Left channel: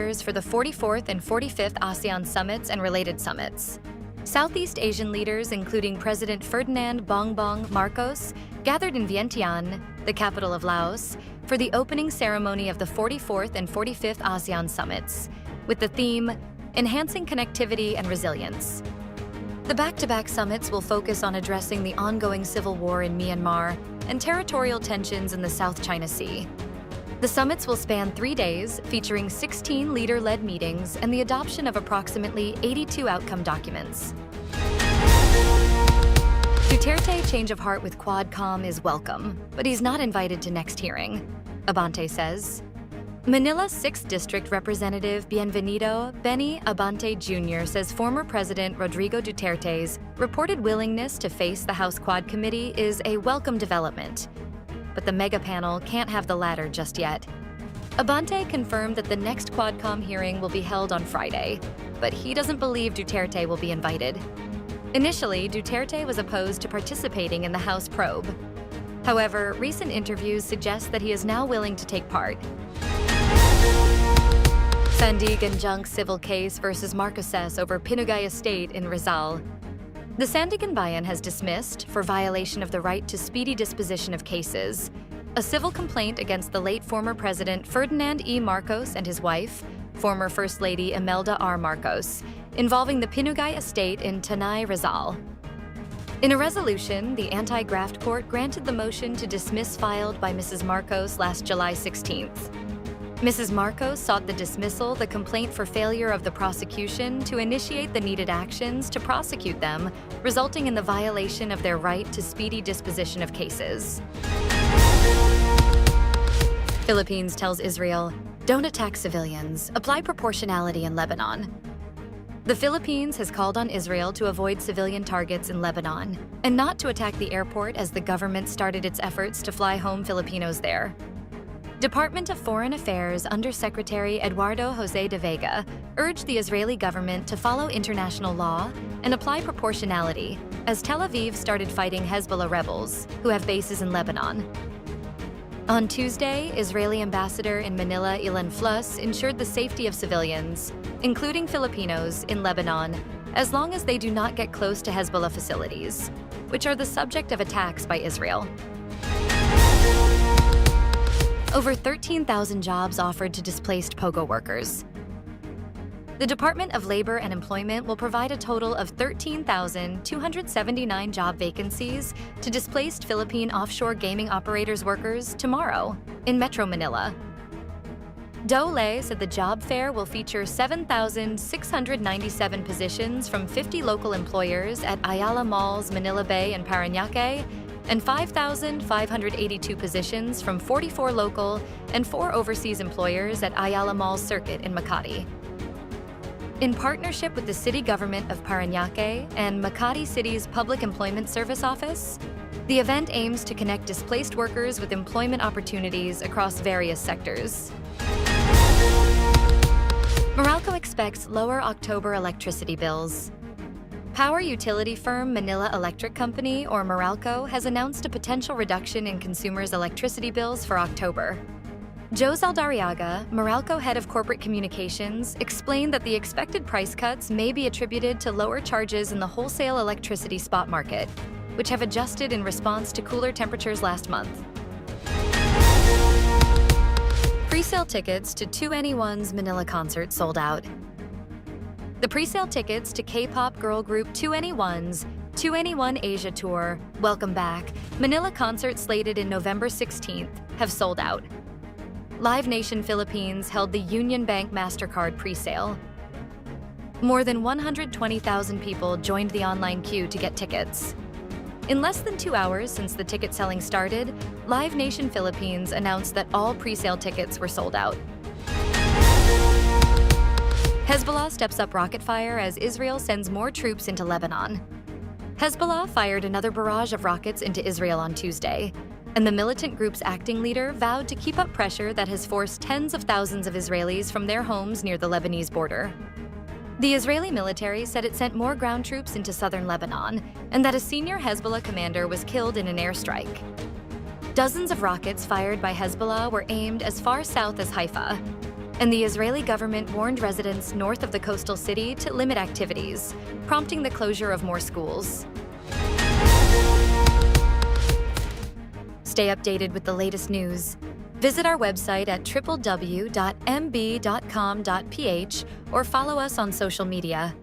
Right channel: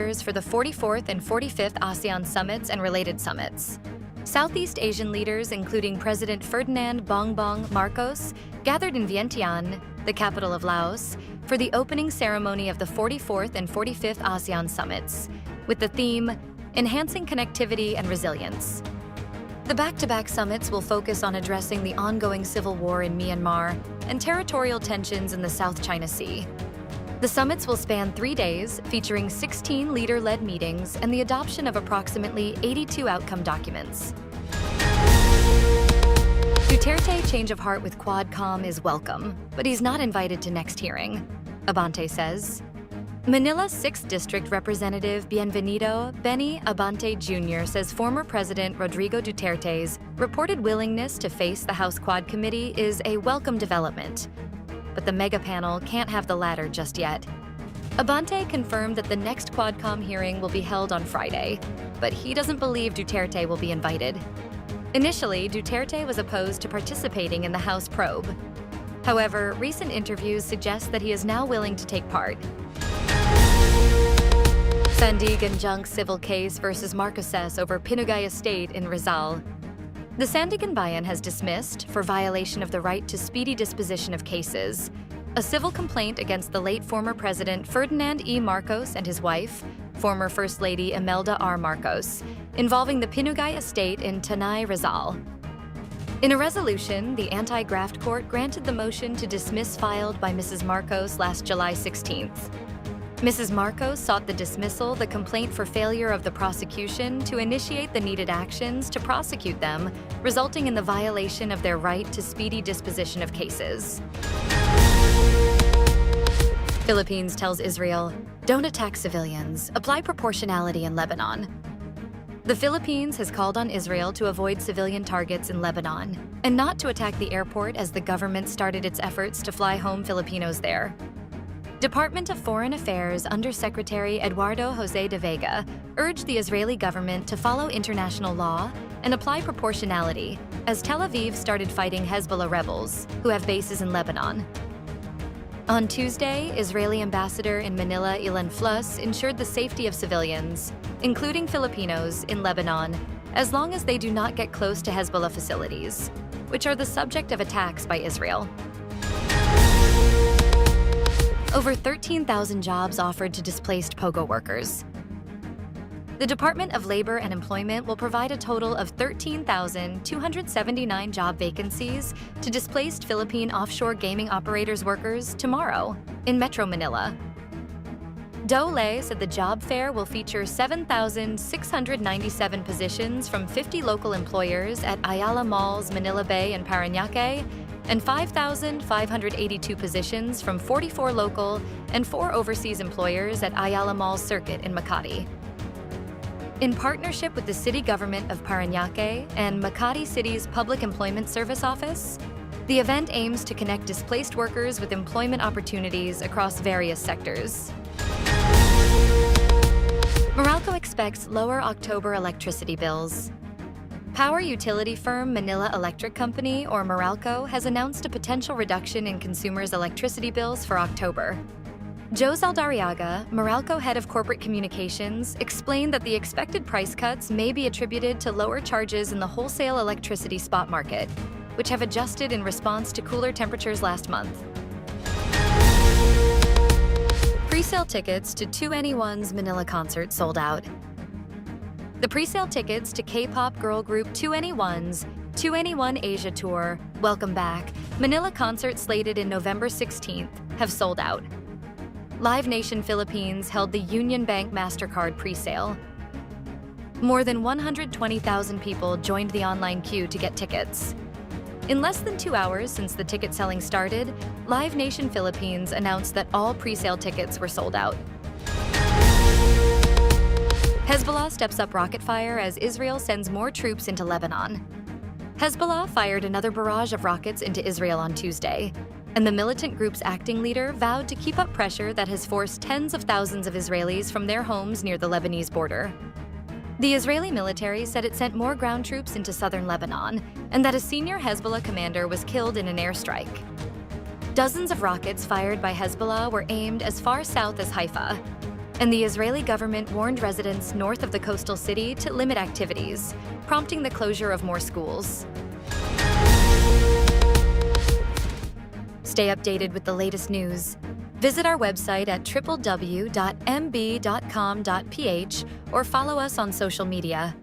for the 44th and 45th ASEAN summits and related summits. Southeast Asian leaders, including President Ferdinand Bongbong Marcos, gathered in Vientiane, the capital of Laos, for the opening ceremony of the 44th and 45th ASEAN summits, with the theme, Enhancing Connectivity and Resilience. The back-to-back summits will focus on addressing the ongoing civil war in Myanmar and territorial tensions in the South China Sea. The summits will span 3 days, featuring 16 leader-led meetings and the adoption of approximately 82 outcome documents. Duterte change of heart with quad-comm is welcome, but he's not invited to next hearing, Abante says. Manila's 6th District Representative Bienvenido Benny Abante Jr. says former President Rodrigo Duterte's reported willingness to face the House Quad Committee is a welcome development, but the mega panel can't have the latter just yet. Abante confirmed that the next quad-comm hearing will be held on Friday, but he doesn't believe Duterte will be invited. Initially, Duterte was opposed to participating in the House probe. However, recent interviews suggest that he is now willing to take part. Sandigan junk civil case versus Marcoses over Pinugay Estate in Rizal. The Sandigan Bayan has dismissed, for violation of the right to speedy disposition of cases, a civil complaint against the late former President Ferdinand E. Marcos and his wife, former First Lady Imelda R. Marcos, involving the Pinugay Estate in Tanay, Rizal. In a resolution, the anti-graft court granted the motion to dismiss filed by Mrs. Marcos last July 16th. Mrs. Marcos sought the dismissal the complaint for failure of the prosecution to initiate the needed actions to prosecute them, resulting in the violation of their right to speedy disposition of cases. Philippines tells Israel, "Don't attack civilians. Apply proportionality in Lebanon." The Philippines has called on Israel to avoid civilian targets in Lebanon and not to attack the airport as the government started its efforts to fly home Filipinos there. Department of Foreign Affairs Undersecretary Eduardo Jose de Vega urged the Israeli government to follow international law and apply proportionality as Tel Aviv started fighting Hezbollah rebels, who have bases in Lebanon. On Tuesday, Israeli ambassador in Manila Ilan Flus ensured the safety of civilians, including Filipinos, in Lebanon, as long as they do not get close to Hezbollah facilities, which are the subject of attacks by Israel. Over 13,000 jobs offered to displaced Pogo workers. The Department of Labor and Employment will provide a total of 13,279 job vacancies to displaced Philippine offshore gaming operators workers tomorrow in Metro Manila. DOLE said the job fair will feature 7,697 positions from 50 local employers at Ayala Malls, Manila Bay, and Parañaque, and 5,582 positions from 44 local and 4 overseas employers at Ayala Malls Circuit in Makati. In partnership with the city government of Parañaque and Makati City's Public Employment Service Office, the event aims to connect displaced workers with employment opportunities across various sectors. Meralco expects lower October electricity bills. Power utility firm Manila Electric Company, or Meralco, has announced a potential reduction in consumers' electricity bills for October. Joe Zaldariaga, Meralco head of corporate communications, explained that the expected price cuts may be attributed to lower charges in the wholesale electricity spot market, which have adjusted in response to cooler temperatures last month. Presale tickets to 2NE1's Manila concert sold out. The presale tickets to K-pop girl group 2NE1's 2NE1 Asia Tour, Welcome Back, Manila concert slated in November 16th, have sold out. Live Nation Philippines held the Union Bank MasterCard presale. More than 120,000 people joined the online queue to get tickets. In less than 2 hours since the ticket selling started, Live Nation Philippines announced that all presale tickets were sold out. Hezbollah steps up rocket fire as Israel sends more troops into Lebanon. Hezbollah fired another barrage of rockets into Israel on Tuesday, and the militant group's acting leader vowed to keep up pressure that has forced tens of thousands of Israelis from their homes near the Lebanese border. The Israeli military said it sent more ground troops into southern Lebanon, and that a senior Hezbollah commander was killed in an airstrike. Dozens of rockets fired by Hezbollah were aimed as far south as Haifa. and the Israeli government warned residents north of the coastal city to limit activities, prompting the closure of more schools. Stay updated with the latest news. Visit our website at www.mb.com.ph or follow us on social media.